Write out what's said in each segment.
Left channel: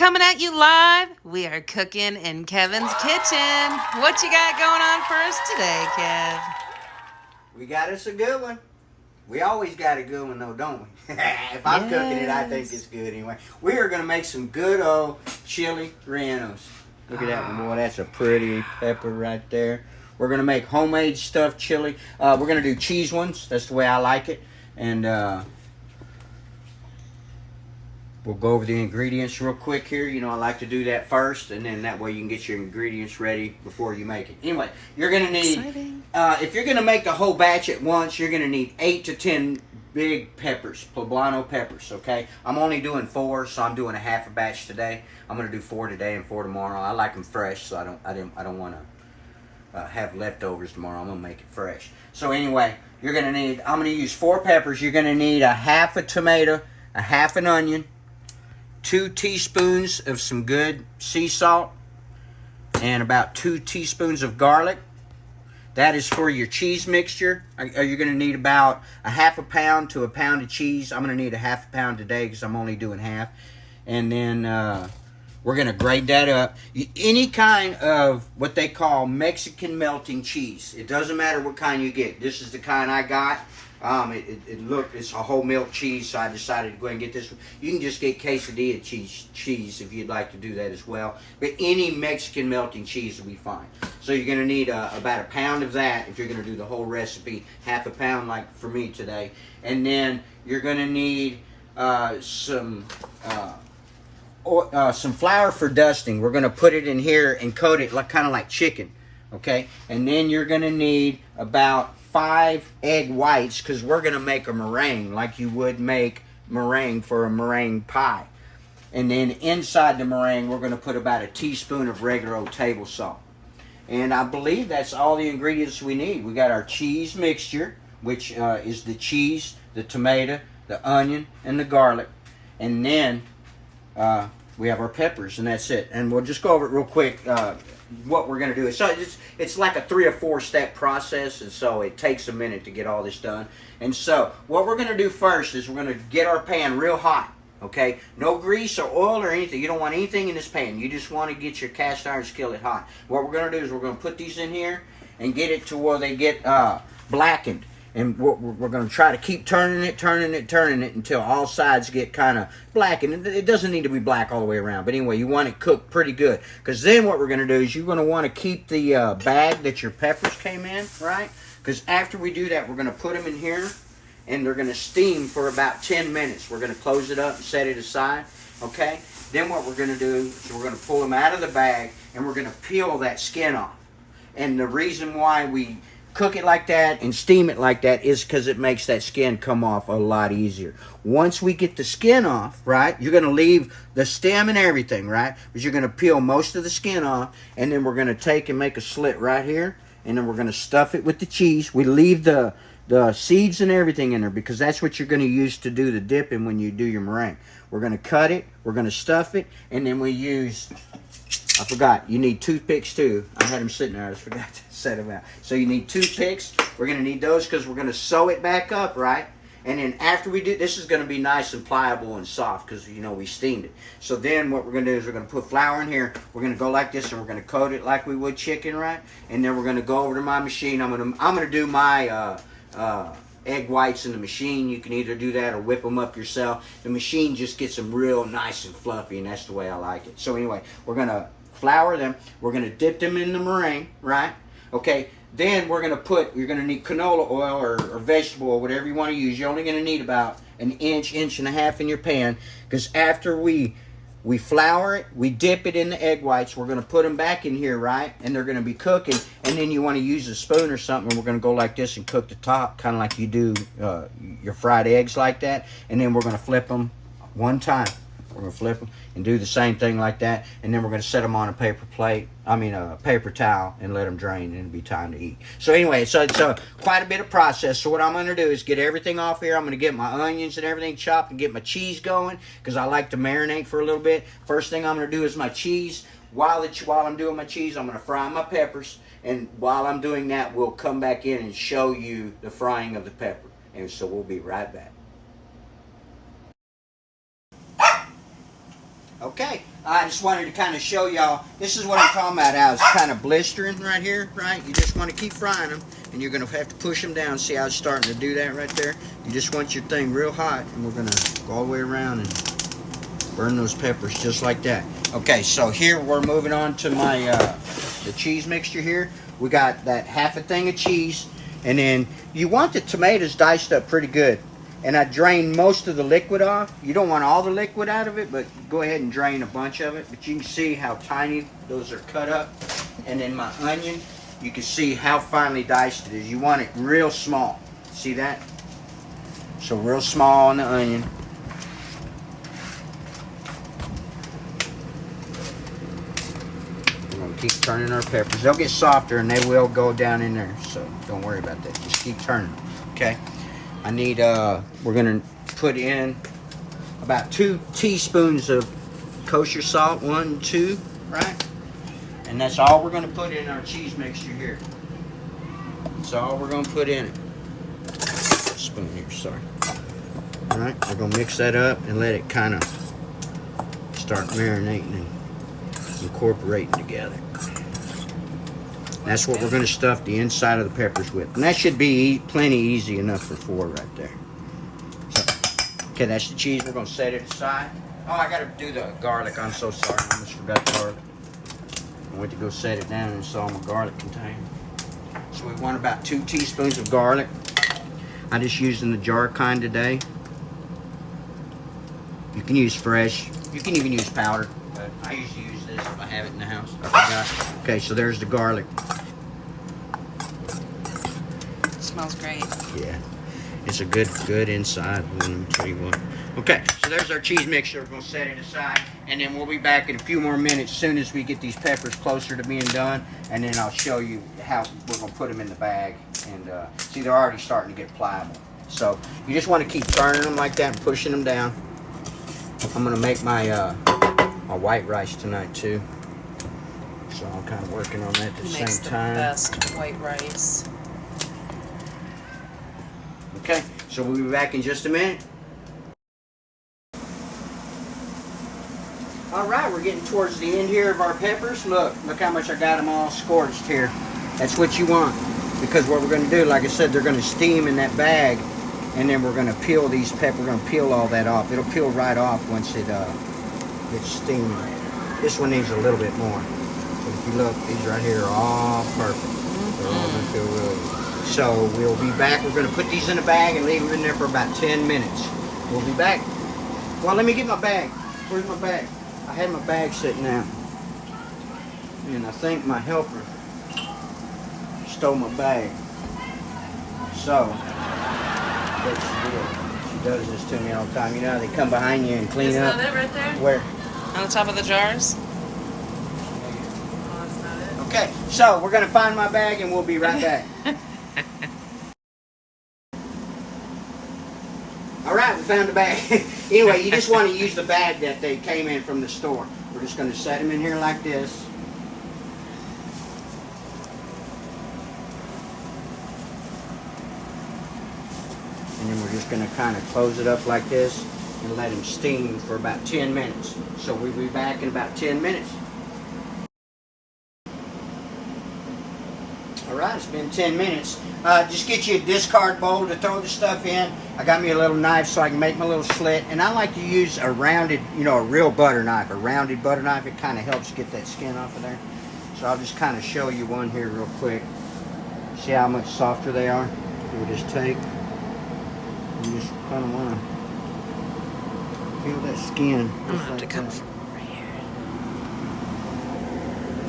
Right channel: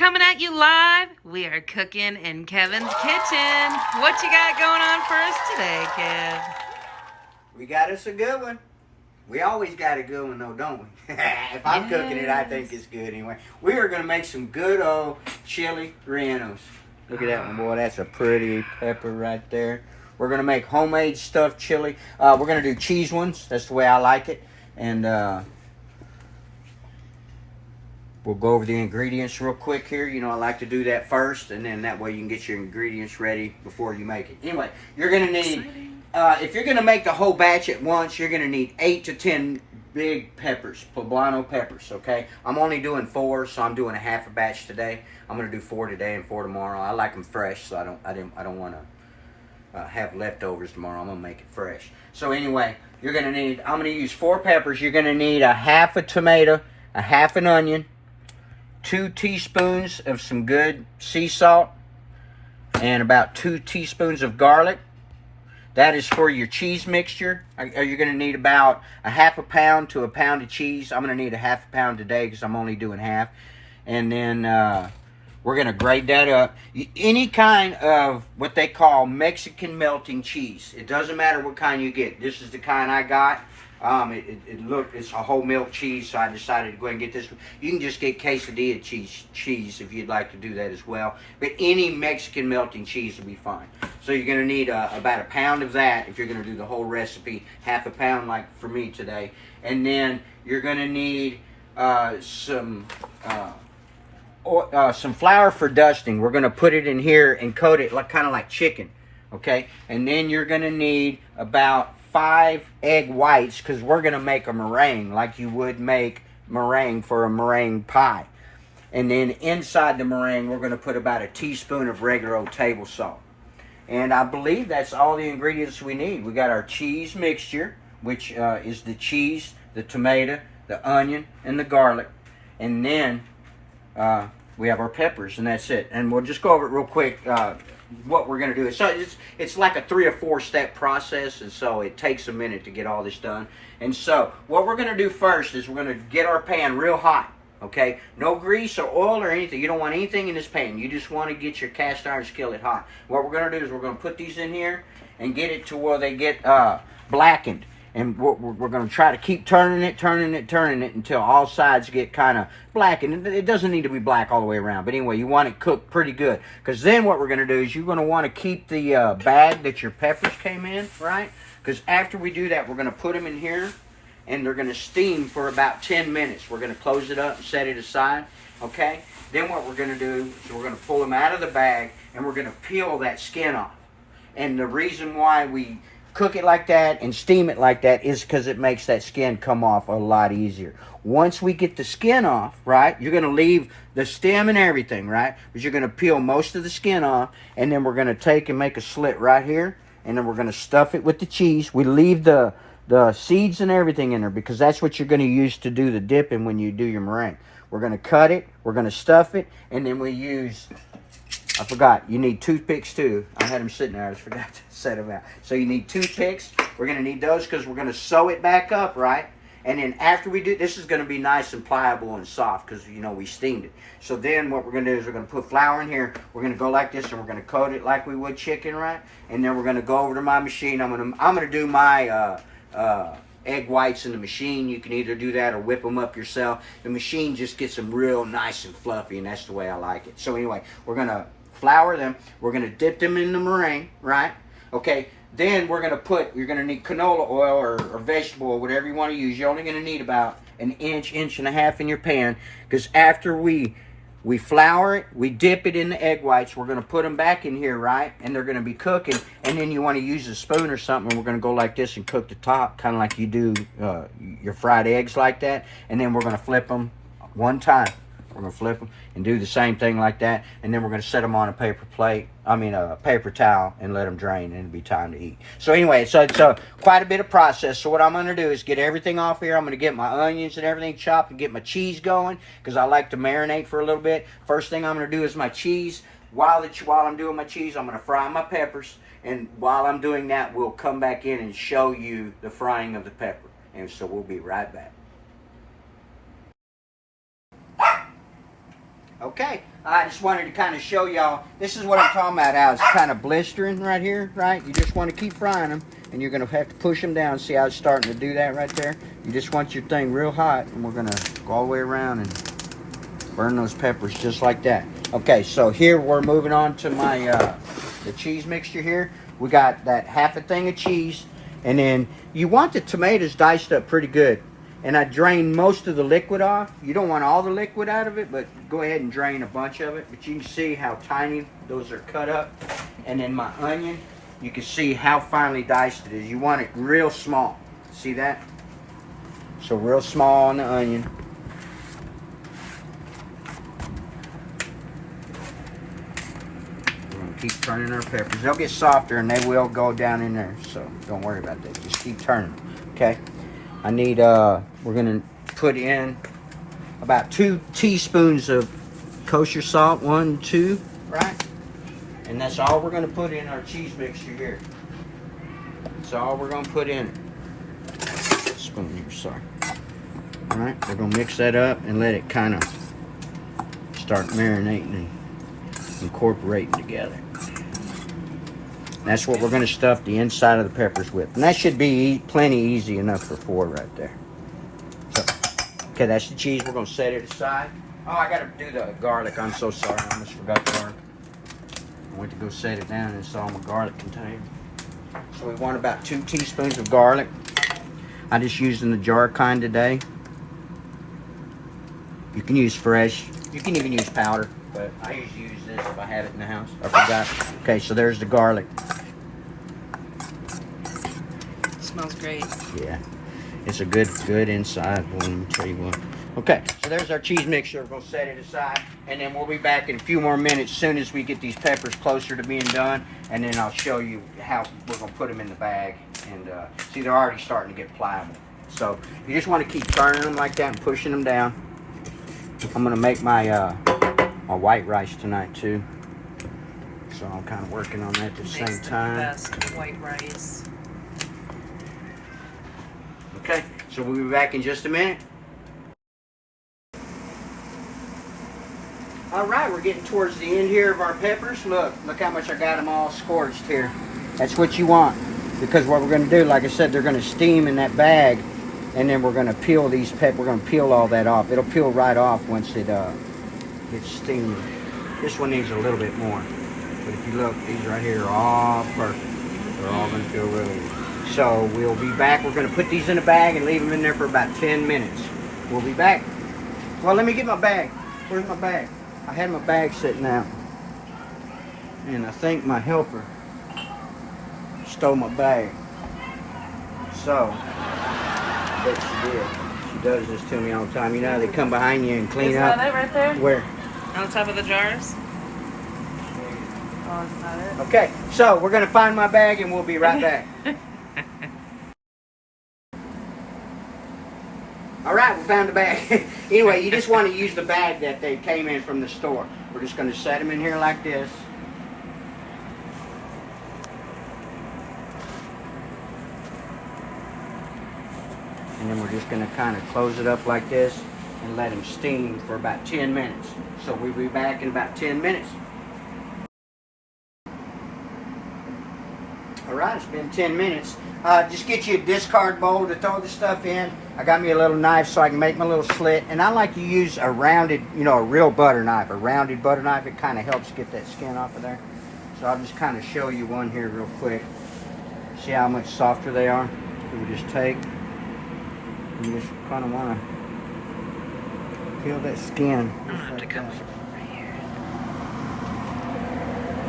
coming at you live. We are cooking in Kevin's kitchen. What you got going on for us today, Kev? We got us a good one. We always got a good one though, don't we? If I'm cooking it, I think it's good anyway. We are going to make some good old Chile Rellenos. Look at that one, boy. That's a pretty pepper right there. We're going to make homemade stuffed chili. We're going to do cheese ones. That's the way I like it. And we'll go over the ingredients real quick here. You know, I like to do that first, and then that way you can get your ingredients ready before you make it. Anyway, you're going to need, if you're going to make the whole batch at once, you're going to need 8 to 10 big peppers, poblano peppers, okay? I'm only doing 4, so I'm doing a half a batch today. I'm going to do 4 today and 4 tomorrow. I like them fresh, so I don't want to have leftovers tomorrow. I'm going to make it fresh. So anyway, you're going to need, I'm going to use 4 peppers. You're going to need a half a tomato, a half an onion, 2 teaspoons of some good sea salt, and about 2 teaspoons of garlic. That is for your cheese mixture. You're going to need about a half a pound to a pound of cheese. I'm going to need a half a pound today because I'm only doing half. And then we're going to grate that up. Any kind of what they call Mexican melting cheese. It doesn't matter what kind you get. This is the kind I got. It's a whole milk cheese, so I decided to go ahead and get this one. You can just get quesadilla cheese if you'd like to do that as well. But any Mexican melting cheese will be fine. So you're going to need about a pound of that if you're going to do the whole recipe. Half a pound like for me today. And then you're going to need some flour for dusting. We're going to put it in here and coat it kind of like chicken. Okay? And then you're going to need about 5 egg whites because we're going to make a meringue like you would make meringue for a meringue pie. And then inside the meringue, we're going to put about a teaspoon of regular old table salt. And I believe that's all the ingredients we need. We got our cheese mixture, which is the cheese, the tomato, the onion, and the garlic. And then we have our peppers, and that's it. And we'll just go over it real quick. What we're going to do. So it's like a 3 or 4 step process, and so it takes a minute to get all this done. And so what we're going to do first is we're going to get our pan real hot. Okay, no grease or oil or anything. You don't want anything in this pan. You just want to get your cast iron skillet hot. What we're going to do is we're going to put these in here and get it to where they get blackened. And we're going to try to keep turning it until all sides get kind of black. And it doesn't need to be black all the way around. But anyway, you want it cooked pretty good. Because then what we're going to do is you're going to want to keep the bag that your peppers came in, right? Because after we do that, we're going to put them in here. And they're going to steam for about 10 minutes. We're going to close it up and set it aside. Okay? Then what we're going to do is we're going to pull them out of the bag. And we're going to peel that skin off. And the reason why we cook it like that and steam it like that is because it makes that skin come off a lot easier. Once we get the skin off, right, you're going to leave the stem and everything, right? But you're going to peel most of the skin off, and then we're going to take and make a slit right here, and then we're going to stuff it with the cheese. We leave the seeds and everything in there because that's what you're going to use to do the dipping when you do your meringue. We're going to cut it, we're going to stuff it, and then we use, I forgot, you need toothpicks too. I had them sitting there, I just forgot to set them out. So you need toothpicks. We're going to need those because we're going to sew it back up, right? And then after we do, this is going to be nice and pliable and soft because, you know, we steamed it. So then what we're going to do is we're going to put flour in here. We're going to go like this and we're going to coat it like we would chicken, right? And then we're going to go over to my machine. I'm going to do my egg whites in the machine. You can either do that or whip them up yourself. The machine just gets them real nice and fluffy, and that's the way I like it. So anyway, we're going to flour them. We're going to dip them in the meringue, right? Okay, then you're going to need canola oil or vegetable oil, whatever you want to use. You're only going to need about an inch and a half in your pan, because after we flour it, we dip it in the egg whites. We're going to put them back in here, right? And they're going to be cooking. And then you want to use a spoon or something. We're going to go like this and cook the top, kind of like you do your fried eggs like that. And then we're going to flip them one time. We're going to flip them and do the same thing like that. And then we're going to set them on a paper towel and let them drain, and it'll be time to eat. So anyway, so it's quite a bit of process. So what I'm going to do is get everything off here. I'm going to get my onions and everything chopped and get my cheese going because I like to marinate for a little bit. First thing I'm going to do is my cheese. While I'm doing my cheese, I'm going to fry my peppers. And while I'm doing that, we'll come back in and show you the frying of the pepper. And so we'll be right back. Okay, I just wanted to kind of show y'all, this is what I'm talking about, how it's kind of blistering right here, right? You just want to keep frying them, and you're going to have to push them down. See how it's starting to do that right there? You just want your thing real hot, and we're going to go all the way around and burn those peppers just like that. Okay, so here we're moving on to my the cheese mixture here. We got that half a thing of cheese, and then you want the tomatoes diced up pretty good. And I drained most of the liquid off. You don't want all the liquid out of it, but go ahead and drain a bunch of it. But you can see how tiny those are cut up. And then my onion, you can see how finely diced it is. You want it real small. See that? So real small on the onion. We're gonna keep turning our peppers. They'll get softer and they will go down in there. So don't worry about that. Just keep turning them, okay? I need, we're gonna put in about 2 teaspoons of kosher salt, 1, 2, right? And that's all we're gonna put in our cheese mixture here. That's all we're gonna put in it. Spoon here, sorry. All right, we're gonna mix that up and let it kind of start marinating and incorporating together. That's what we're going to stuff the inside of the peppers with. And that should be plenty easy enough for 4 right there. So, okay, that's the cheese. We're going to set it aside. Oh, I got to do the garlic. I'm so sorry. I almost forgot the garlic. I went to go set it down and saw my garlic container. So we want about 2 teaspoons of garlic. I'm just using the jar kind today. You can use fresh. You can even use powder. But I usually use this if I have it in the house. I forgot. Okay, so there's the garlic. Smells great. Yeah, it's a good inside one, let me tell you what. Okay, so there's our cheese mixture. We're gonna set it aside, and then we'll be back in a few more minutes as soon as we get these peppers closer to being done, and then I'll show you how we're gonna put them in the bag. And see, they're already starting to get pliable. So you just want to keep turning them like that and pushing them down. I'm gonna make my my white rice tonight too, so I'm kind of working on that at the same time. Best white rice. Okay, so we'll be back in just a minute. All right, we're getting towards the end here of our peppers. Look how much I got them all scorched here. That's what you want, because what we're going to do, like I said, they're going to steam in that bag, and then we're going to peel these peppers. We're going to peel all that off. It'll peel right off once it gets steamed. This one needs a little bit more, but if you look, these right here are all perfect. They're all going to feel really good. So we'll be back. We're going to put these in a bag and leave them in there for about 10 minutes. We'll be back. Well, let me get my bag. Where's my bag? I had my bag sitting out, and I think my helper stole my bag. So, what she did, she does this to me all the time. You know, they come behind you and clean Isn't up. that it right there? Where? On the top of the jars? Oh, that's not it. Okay, so we're going to find my bag and we'll be right back. All right, we found the bag. Anyway, you just want to use the bag that they came in from the store. We're just going to set them in here like this. And then we're just going to kind of close it up like this and let them steam for about 10 minutes. So we'll be back in about 10 minutes. All right, it's been 10 minutes. Just get you a discard bowl to throw the stuff in. I got me a little knife so I can make my little slit. And I like to use a rounded, a real butter knife. A rounded butter knife, it kind of helps get that skin off of there. So I'll just kind of show you one here real quick. See how much softer they are? We just take, you just kind of want to peel that skin. Just like that.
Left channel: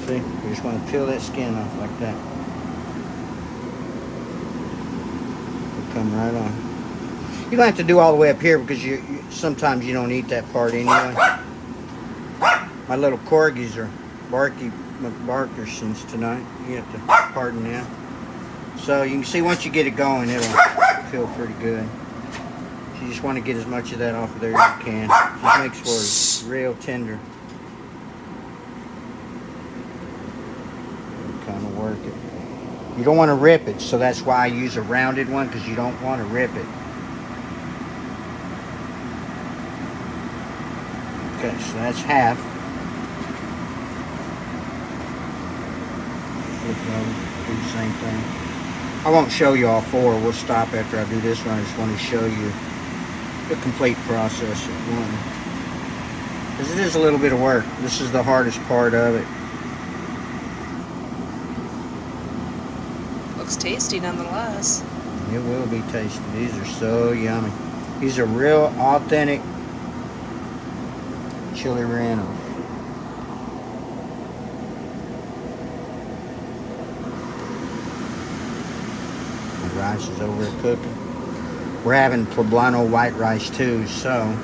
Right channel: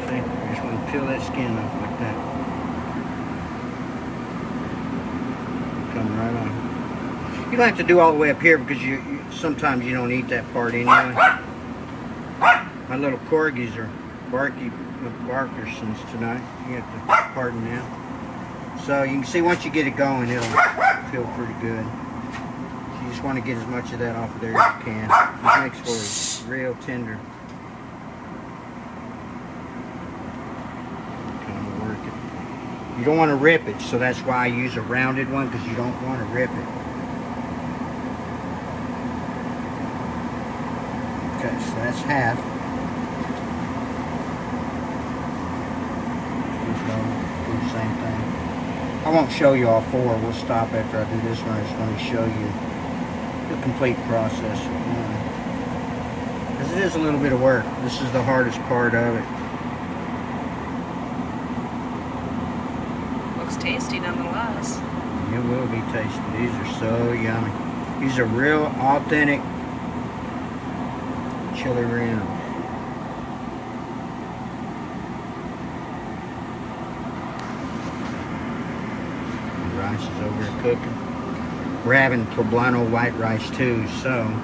See, you just want to peel that skin off like that. Come right on. You don't have to do all the way up here because you sometimes you don't eat that part anyway. My little corgis are barky McBarkersons tonight. You have to pardon that. So you can see once you get it going, it'll feel pretty good. So you just want to get as much of that off of there as you can. It makes for real tender. Kind of work it. You don't want to rip it, so that's why I use a rounded one, because you don't want to rip it. Okay, so that's half. Do the same thing. I won't show you all four. We'll stop after I do this one. I just want to show you the complete process. Because it is a little bit of work. This is the hardest part of it. Looks tasty nonetheless. It will be tasty. These are so yummy. These are real authentic Chile Rellenos. The rice is over here cooking. We're having poblano white rice too, so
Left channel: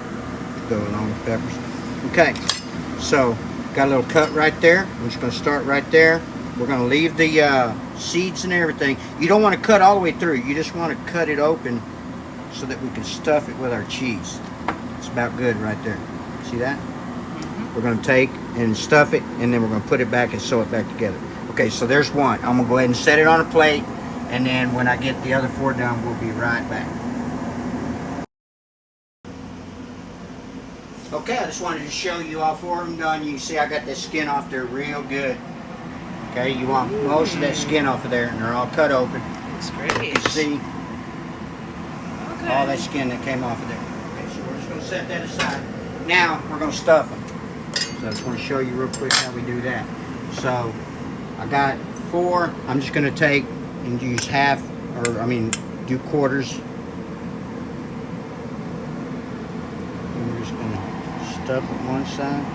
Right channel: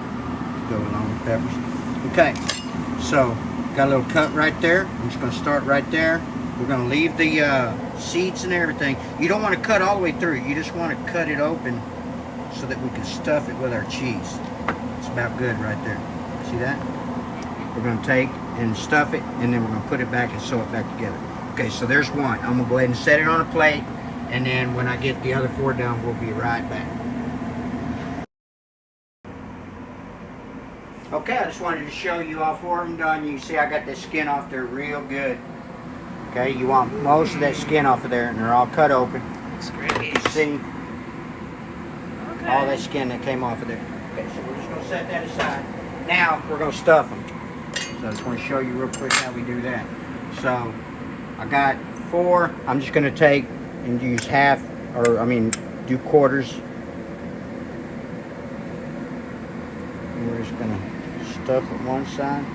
go along with peppers. Okay, so got a little cut right there. We're just going to start right there. We're going to leave the seeds and everything. You don't want to cut all the way through. You just want to cut it open so that we can stuff it with our cheese. It's about good right there. See that? We're going to take and stuff it, and then we're going to put it back and sew it back together. Okay, so there's one. I'm going to go ahead and set it on a plate, and then when I get the other four done, we'll be right back. Okay, I just wanted to show you all four of them done. You can see I got that skin off there real good. Okay, you want most of that skin off of there, and they're all cut open. Looks great. You can see Okay. all that skin that came off of there. Okay, so we're just going to set that aside. Now, we're going to stuff them. So I just want to show you real quick how we do that. So, I got four. I'm just going to take and use half, or I mean, do quarters. And we're just going to stuff it one side,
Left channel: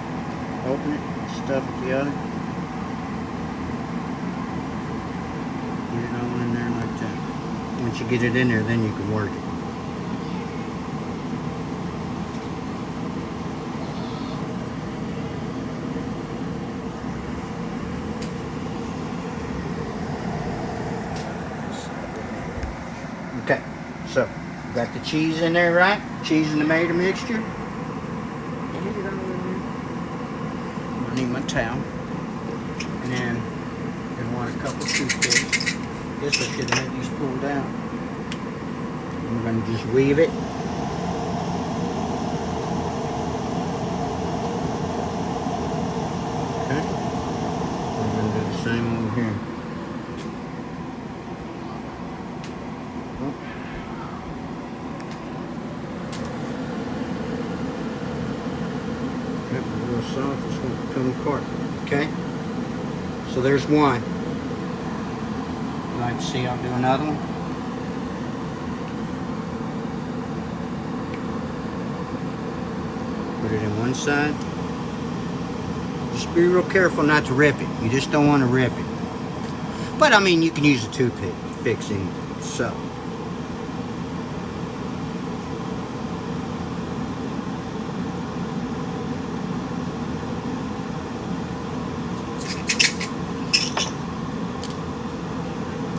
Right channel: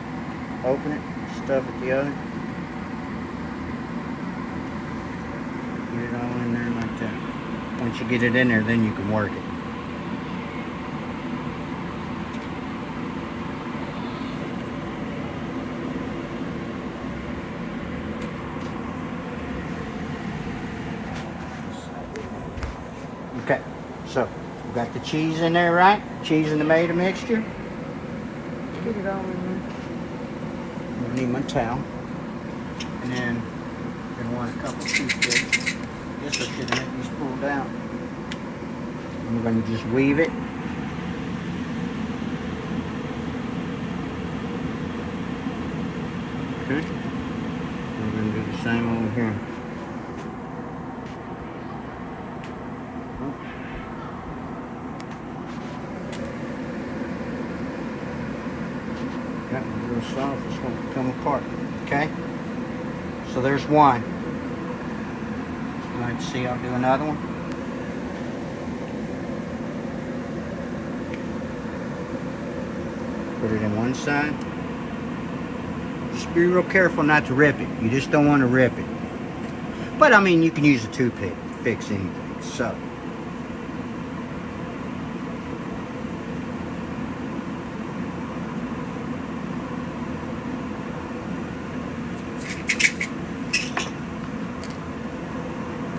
open it, stuff it the other. Get it all in there like that. Once you get it in there, then you can work it. Okay, so we got the cheese in there, right? Cheese and tomato mixture. Get it all in there. I need my towel. And then I'm gonna want a couple toothpicks. Guess I should have had these pulled out. I'm going to just weave it. Okay. I'm going to do the same over here. Yep, a little soft. It's going to come apart. Okay. So there's one. You'd like to see I'll do another one? Put it in one side. Just be real careful not to rip it. You just don't want to rip it. But I mean, you can use a toothpick to fix anything. So.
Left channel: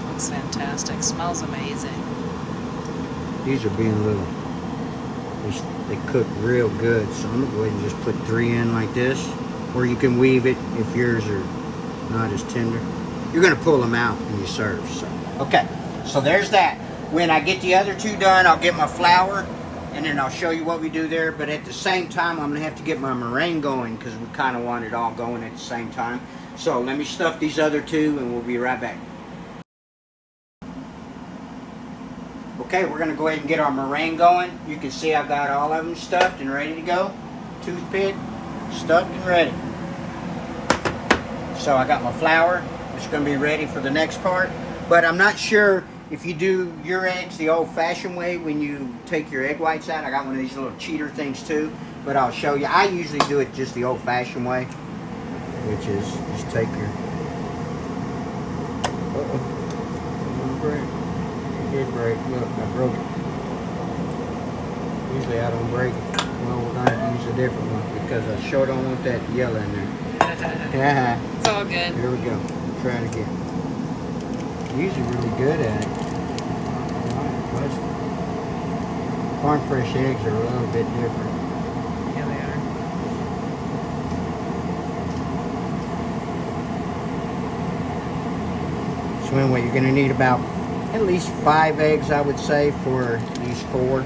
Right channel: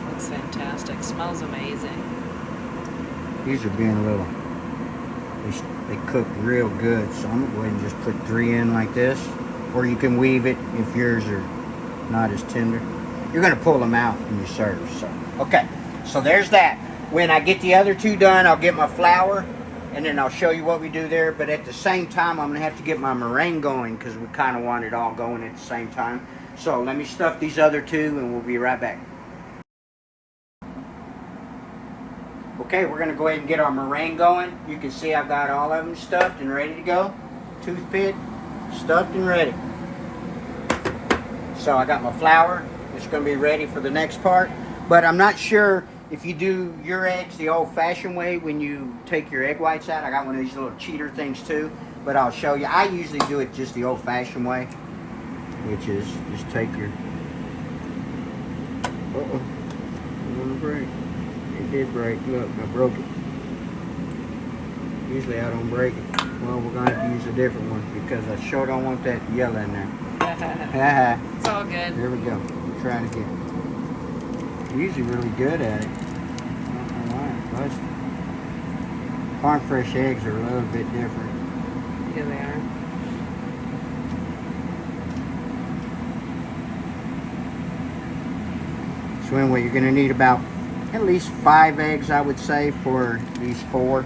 Looks fantastic. Smells amazing. These are being a little, they cook real good. So I'm going to go ahead and just put 3 in like this. Or you can weave it if yours are not as tender. You're going to pull them out when you serve. So, okay, so there's that. When I get the other 2 done, I'll get my flour, and then I'll show you what we do there. But at the same time, I'm going to have to get my meringue going because we kind of want it all going at the same time. So let me stuff these other 2, and we'll be right back. Okay, we're going to go ahead and get our meringue going. You can see I've got all of them stuffed and ready to go. Toothpick, stuffed and ready. So I got my flour. It's going to be ready for the next part. But I'm not sure if you do your eggs the old-fashioned way when you take your egg whites out. I got one of these little cheater things too. But I'll show you. I usually do it just the old-fashioned way, which is just take your... Uh-oh. Break. It did break. Look, I broke it. Usually I don't break it. Well, we're going to have to use a different one because I sure don't want that yellow in there. It's all good. Here we go. We'll try it again. Usually really good at it. Farm fresh eggs are a little bit different. Here they are. So anyway, you're going to need about at least 5 eggs, I would say, for these 4.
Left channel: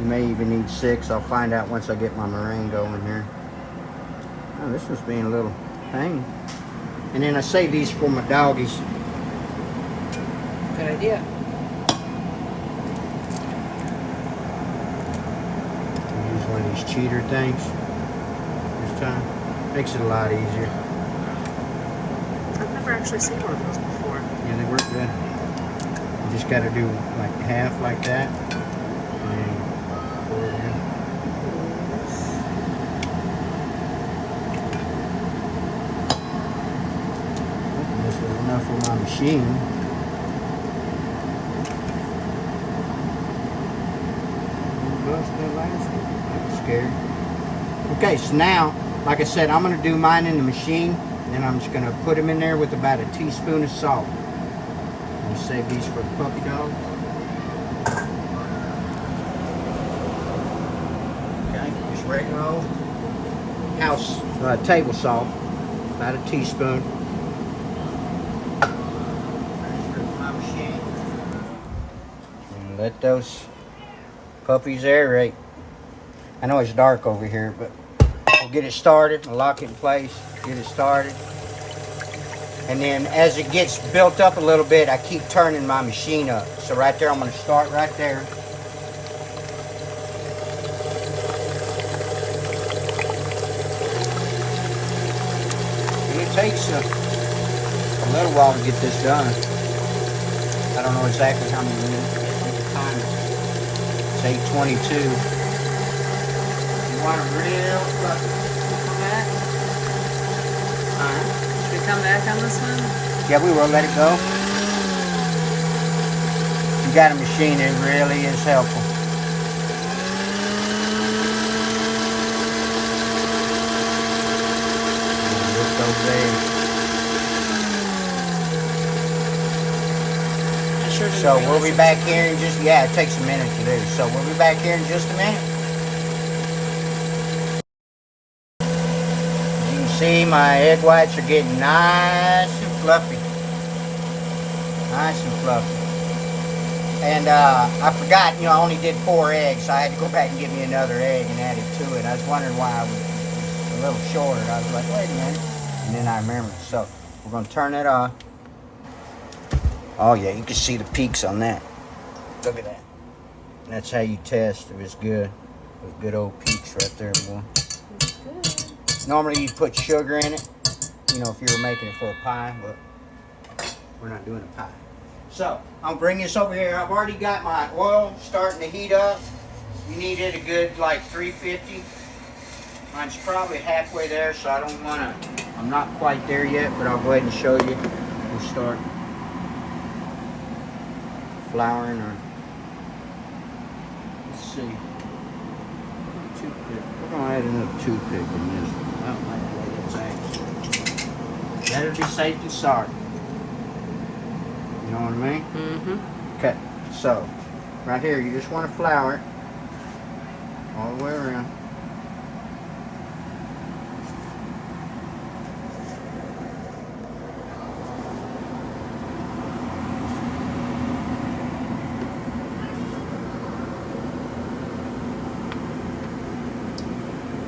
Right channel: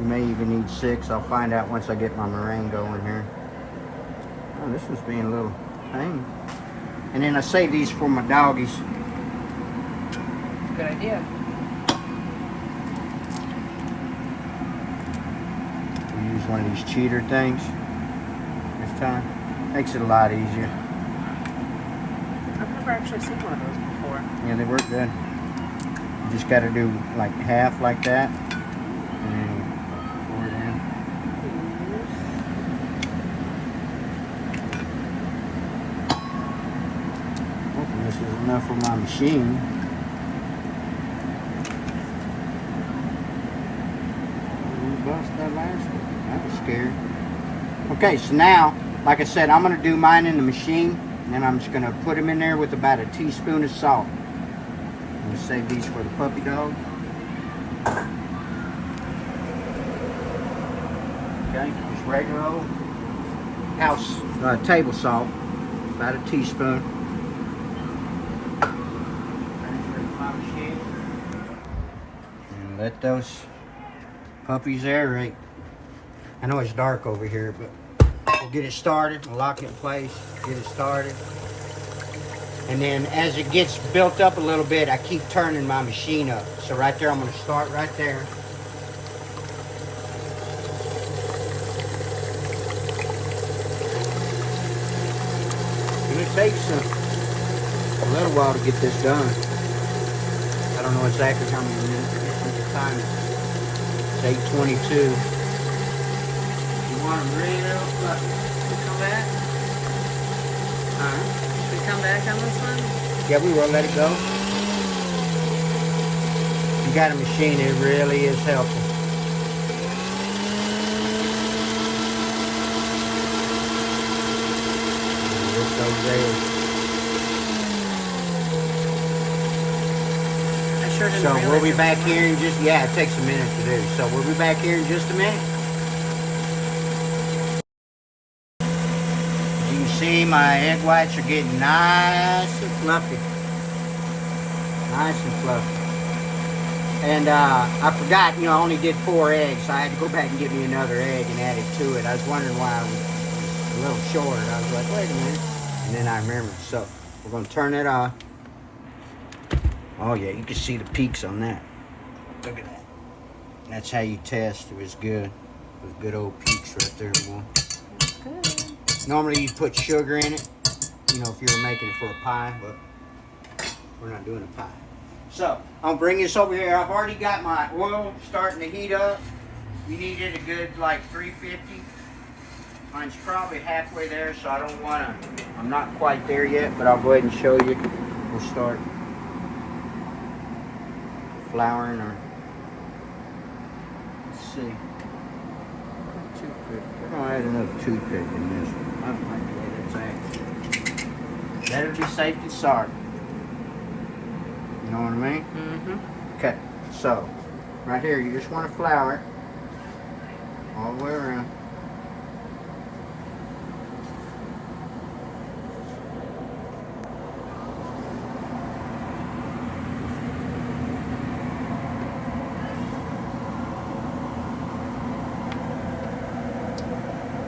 You may even need 6. I'll find out once I get my meringue going here. Oh, this one's being a little pain. And then I save these for my doggies. Good idea. Use one of these cheater things this time. Makes it a lot easier. I've never actually seen one of those before. Yeah, they work good. You just got to do like half like that. And then pour it in. This is enough for my machine. Bust that last one. That was scary. Okay, so now, like I said, I'm going to do mine in the machine. And then I'm just going to put them in there with about a teaspoon of salt. I'm going to save these for the puppy dog. Okay, just regular old house table salt. About a teaspoon. And let those puppies aerate. I know it's dark over here, but we'll get it started, lock it in place, get it started. And then as it gets built up a little bit, I keep turning my machine up. So right there, I'm gonna start right there. And it takes a little while to get this done. I don't know exactly how many minutes. Time it's 8:22. You want them real fluffy. Come back. Should we come back on this one? Yeah, we will let it go. You got a machine, it really is helpful. So we'll be back here in just, yeah, it takes a minute to do. So we'll be back here in just a minute. You can see my egg whites are getting nice and fluffy. Nice and fluffy. And I forgot, you know, I only did 4 eggs, so I had to go back and give me another egg and add it to it. I was wondering why I was a little short. I was like, wait a minute. And then I remembered. So we're going to turn it off. Oh yeah, you can see the peaks on that. Look at that. That's how you test if it's good. With good old peaks right there, boy. It's good. Normally you put sugar in it, you know, if you were making it for a pie, but we're not doing a pie. So, I'll bring this over here. I've already got my oil starting to heat up. You needed a good like 350. Mine's probably halfway there, so I don't want to, I'm not quite there yet, but I'll go ahead and show you. We'll start flouring our, let's see, toothpick. We're going to add another toothpick in this one. I don't like the way that's acting. Better to be safe than sorry. You know what I mean? Mm-hmm. Okay, so right here you just want to flour it all the way around.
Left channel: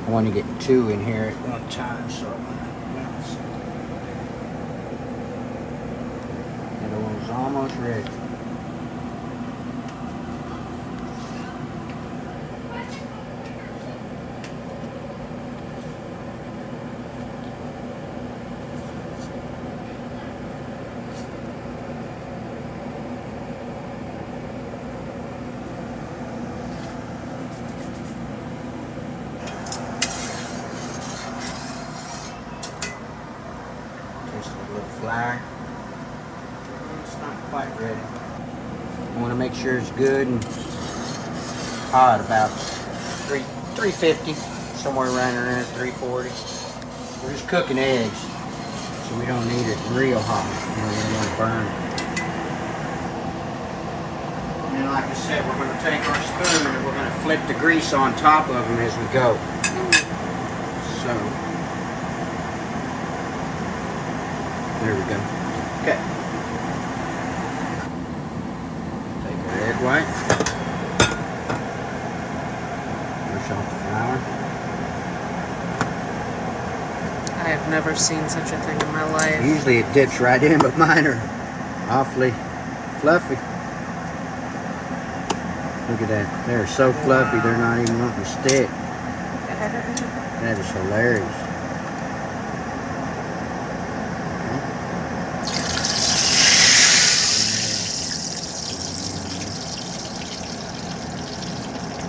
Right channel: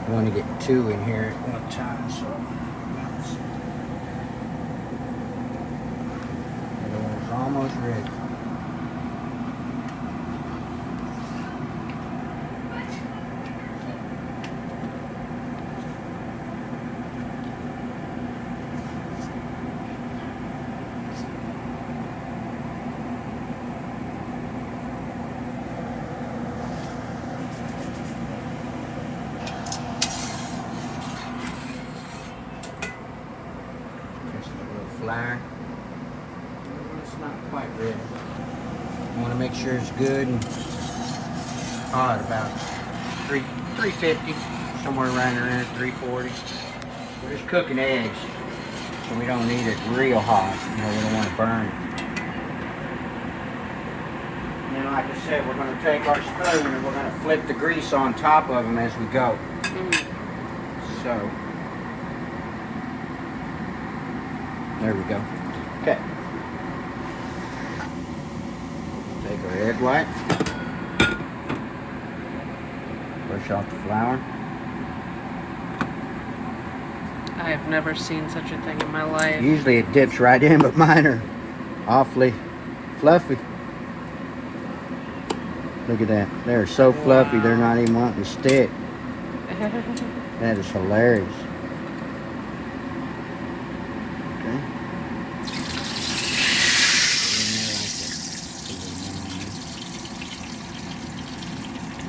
I want to get 2 in here at one time, so balance it. The other one's almost ready. Flour. It's not quite ready. I want to make sure it's good and hot, about 350, somewhere around in there, 340. We're just cooking eggs, so we don't need it real hot. You know, we don't want to burn it. And then, like I said, we're going to take our spoon and we're going to flip the grease on top of them as we go. So. There we go. Okay. Take my egg white. I have never seen such a thing in my life. Usually it dips right in, but mine are awfully fluffy. Look at that. They're so fluffy, they're not even wanting to stick. That is hilarious.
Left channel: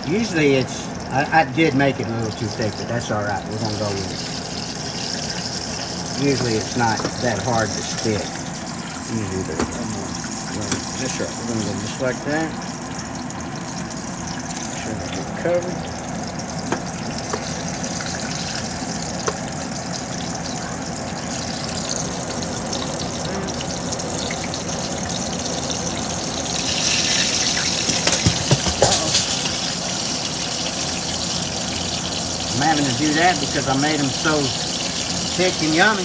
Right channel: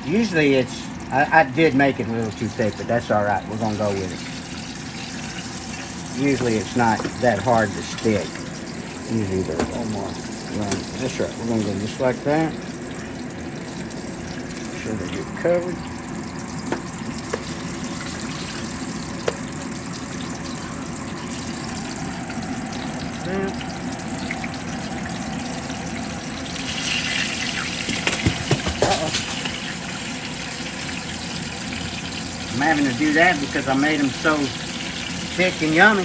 Usually it's, I did make it a little too thick, but that's all right. We're going to go with it. Usually it's not that hard to stick. Usually they're just right. We're going to go just like that. Make sure they get covered. I'm having to do that because I made them so thick and yummy.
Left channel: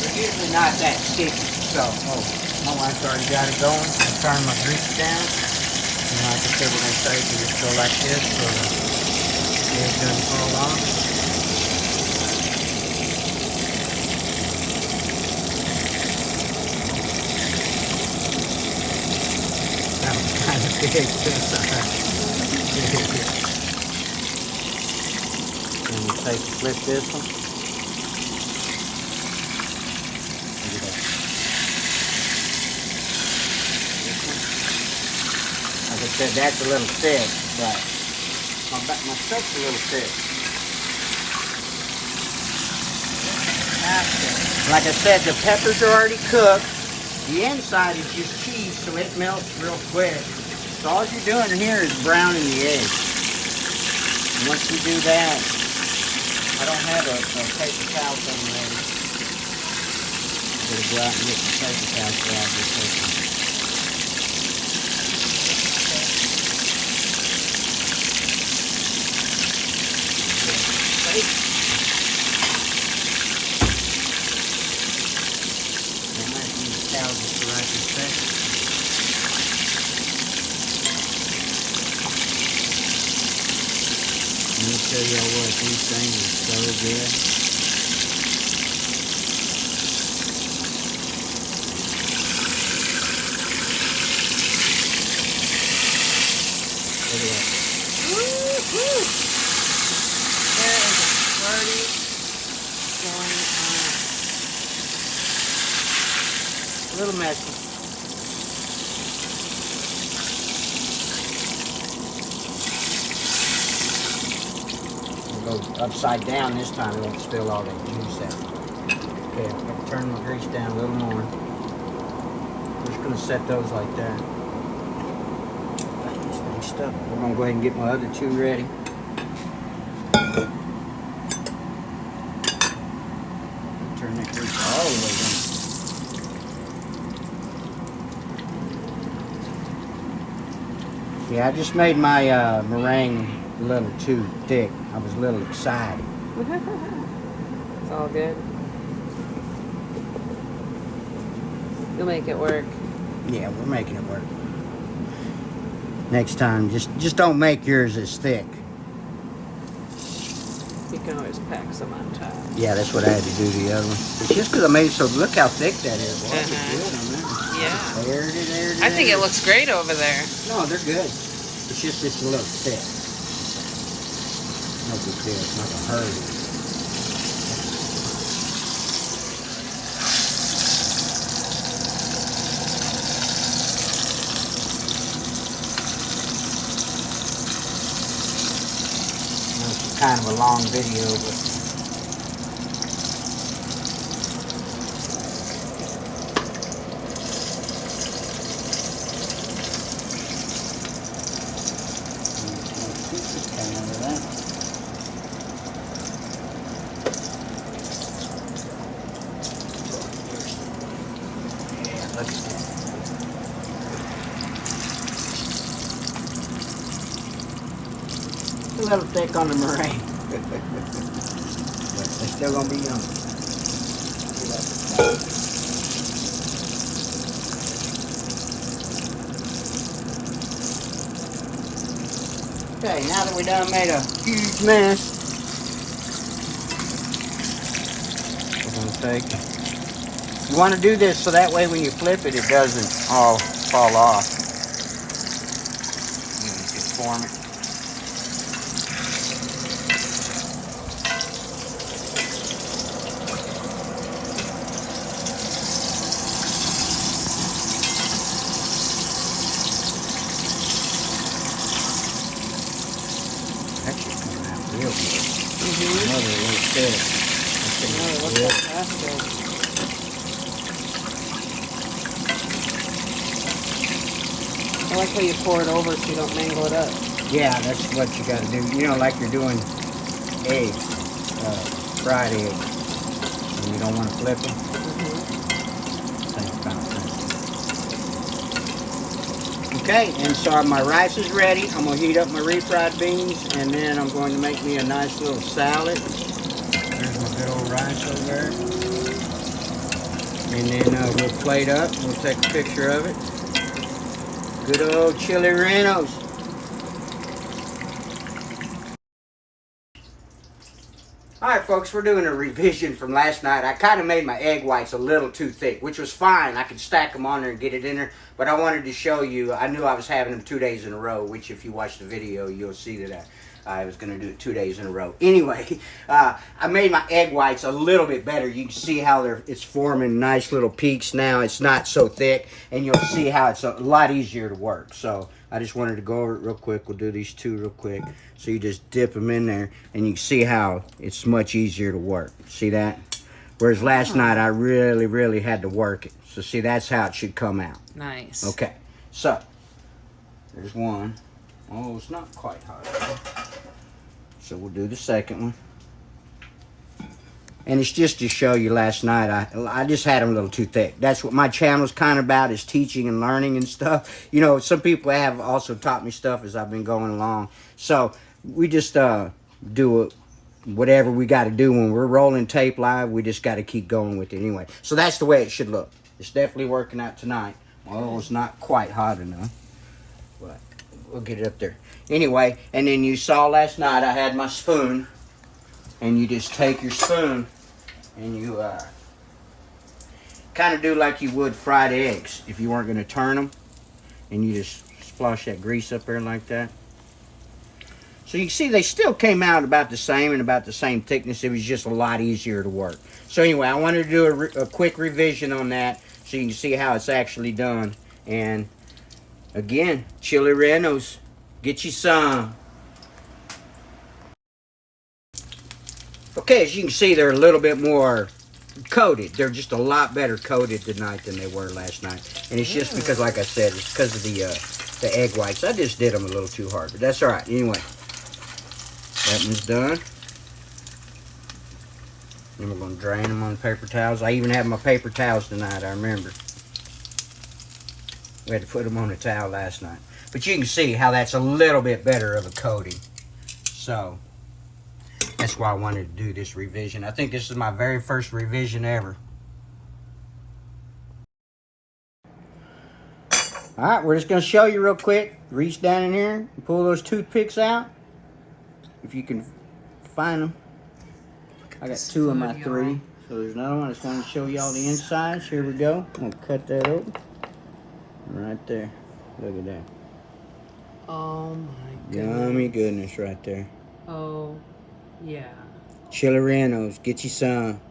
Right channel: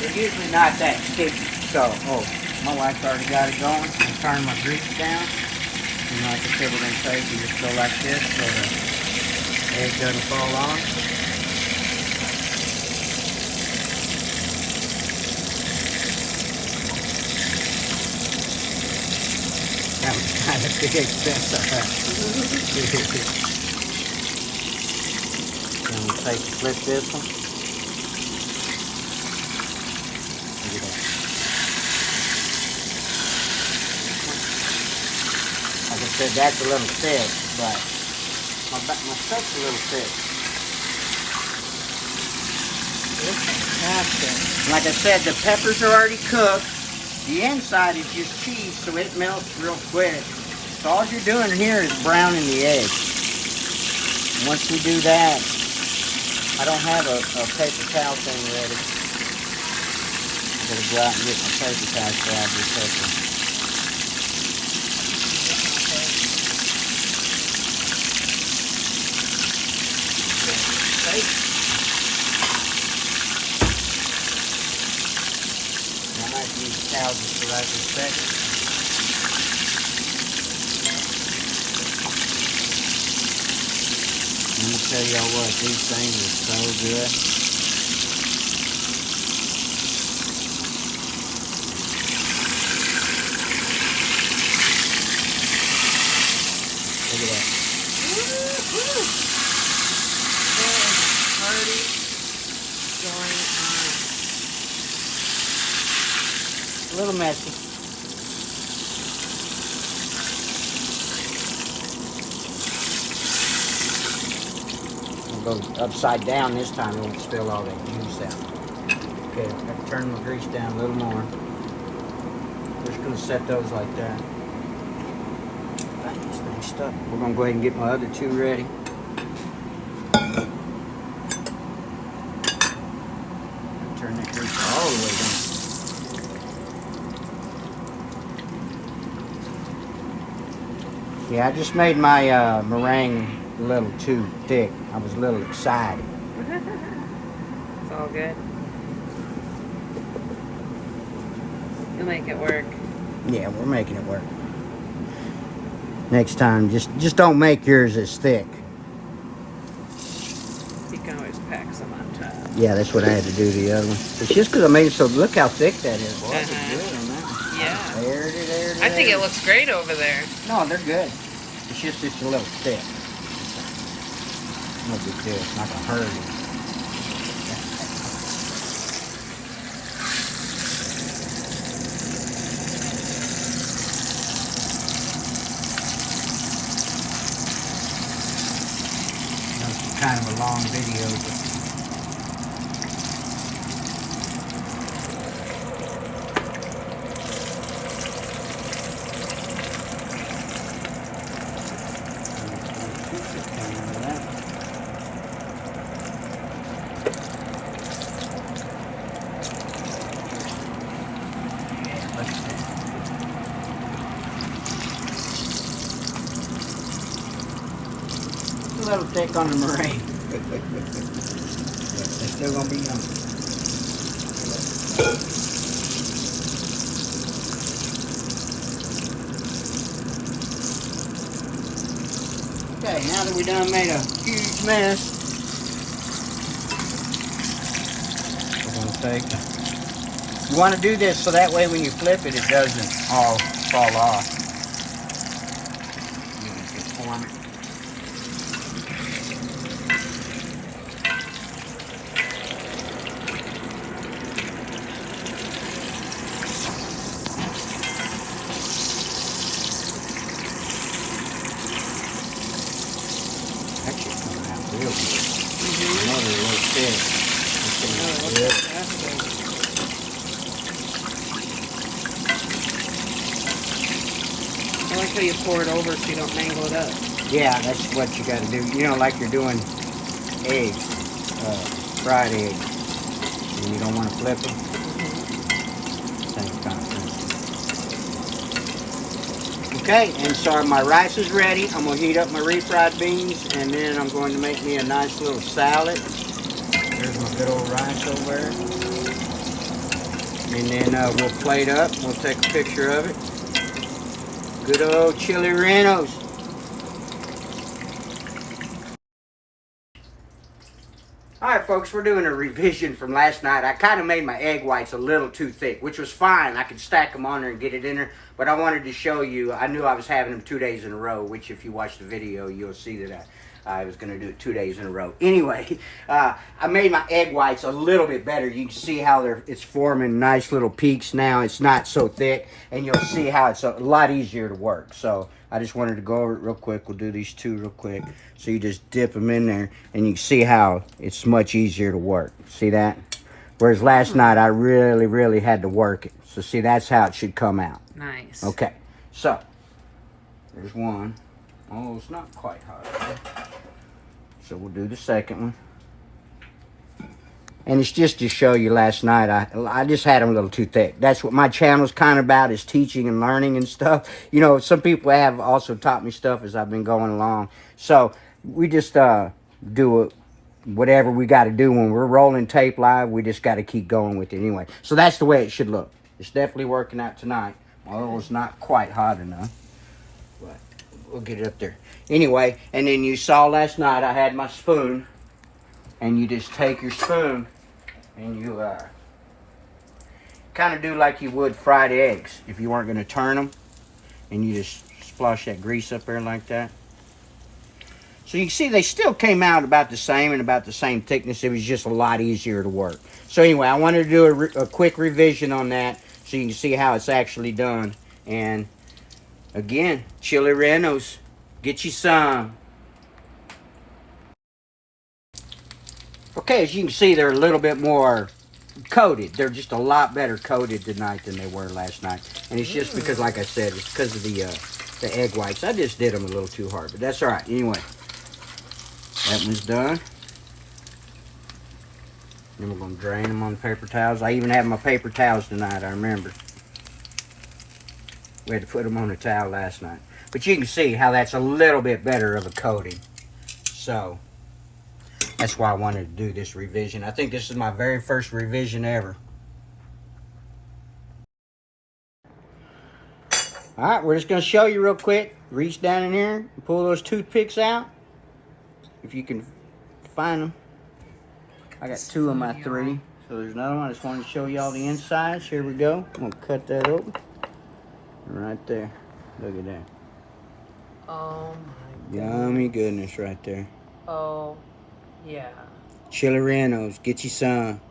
They're usually not that sticky. So, my wife's already got it going. I'm turning my grease down. And like I said, we're going to say you just go like this so the lid doesn't fall off. That was kind of big. That's all right. Then we'll flip this one. Look at that. Like I said, that's a little thick, but my stuff's a little thick. Like I said, the peppers are already cooked. The inside is just cheese, so it melts real quick. So all you're doing here is browning the egg. And once you do that, I don't have a paper towel thing ready. I'm going to go out and get my paper towel so I'll be taking. Just the right respect. Let me tell y'all what, these things are so good. Look at that. Woo-hoo. There is a party going on. A little messy. We'll go upside down this time. It won't spill all that juice out. Okay, I'm going to turn my grease down a little more. We're just going to set those like that. This thing's stuck. We're going to go ahead and get my other two ready. Turn that grease all the way down. Yeah, I just made my meringue a little too thick. I was a little excited. It's all good. You'll make it work. Yeah, we're making it work. Next time, just don't make yours as thick. You can always pack some on top. Yeah, that's what I had to do the other one. It's just because I made it so, look how thick that is. Boy, that's good, man. Yeah. There it is. I think it looks great over there. No, they're good. It's just a little thick. No big deal. It's not a hurry. It's kind of a long video, but a little thick on the meringue. But they're still gonna be yummy. Okay, now that we done made a huge mess, we're gonna take. You want to do this so that way when you flip it, it doesn't all fall off. You want to just form it. That should come out real good. Another little steady. I like how you pour it over so you don't mangle it up. Yeah, that's what you got to do. You know, like you're doing eggs, fried eggs, and you don't want to flip them. Same kind of thing. Okay, and so my rice is ready. I'm going to heat up my refried beans, and then I'm going to make me a nice little salad. There's my good old rice over there. And then we'll plate up. We'll take a picture of it. Good old Chile Rellenos. Alright folks, we're doing a revision from last night. I kind of made my egg whites a little too thick, which was fine. I could stack them on there and get it in there. But I wanted to show you, I knew I was having them 2 days in a row, which if you watch the video, you'll see that I was going to do it 2 days in a row. Anyway, I made my egg whites a little bit better. You can see how it's forming nice little peaks now. It's not so thick, and you'll see how it's a lot easier to work. So I just wanted to go over it real quick. We'll do these two real quick. So you just dip them in there, and you can see how it's much easier to work. See that? Whereas last night, I really, really had to work it. So see, that's how it should come out. Nice. Okay, so there's one. Oh, it's not quite hot enough. So we'll do the second one. And it's just to show you last night, I just had them a little too thick. That's what my channel's kind of about, is teaching and learning and stuff. You know, some people have also taught me stuff as I've been going along. So we just do whatever we got to do when we're rolling tape live. We just got to keep going with it anyway. So that's the way it should look. It's definitely working out tonight. Although it's not quite hot enough. But we'll get it up there. Anyway, and then you saw last night I had my spoon. And you just take your spoon and you kind of do like you would fried eggs if you weren't going to turn them. And you just splosh that grease up there like that. So you can see they still came out about the same and about the same thickness. It was just a lot easier to work. So anyway, I wanted to do a quick revision on that so you can see how it's actually done. And again, Chile Rellenos, get you some. Okay, as you can see, they're a little bit more coated. They're just a lot better coated tonight than they were last night. And it's just because, like I said, it's because of the egg whites. I just did them a little too hard, but that's all right. Anyway, that one's done. Then we're going to drain them on paper towels. I even have my paper towels tonight, I remember. We had to put them on a towel last night. But you can see how that's a little bit better of a coating. So that's why I wanted to do this revision. I think this is my very first revision ever. Alright, we're just going to show you real quick. Reach down in here and pull those toothpicks out. If you can find them. I got 2 of my 3. So there's another one. I just wanted to show y'all the insides. Here we go. I'm going to cut that open. Right there. Look at that. Oh my Yummy goodness right there. Oh, yeah. Chile Rellenos, get you some.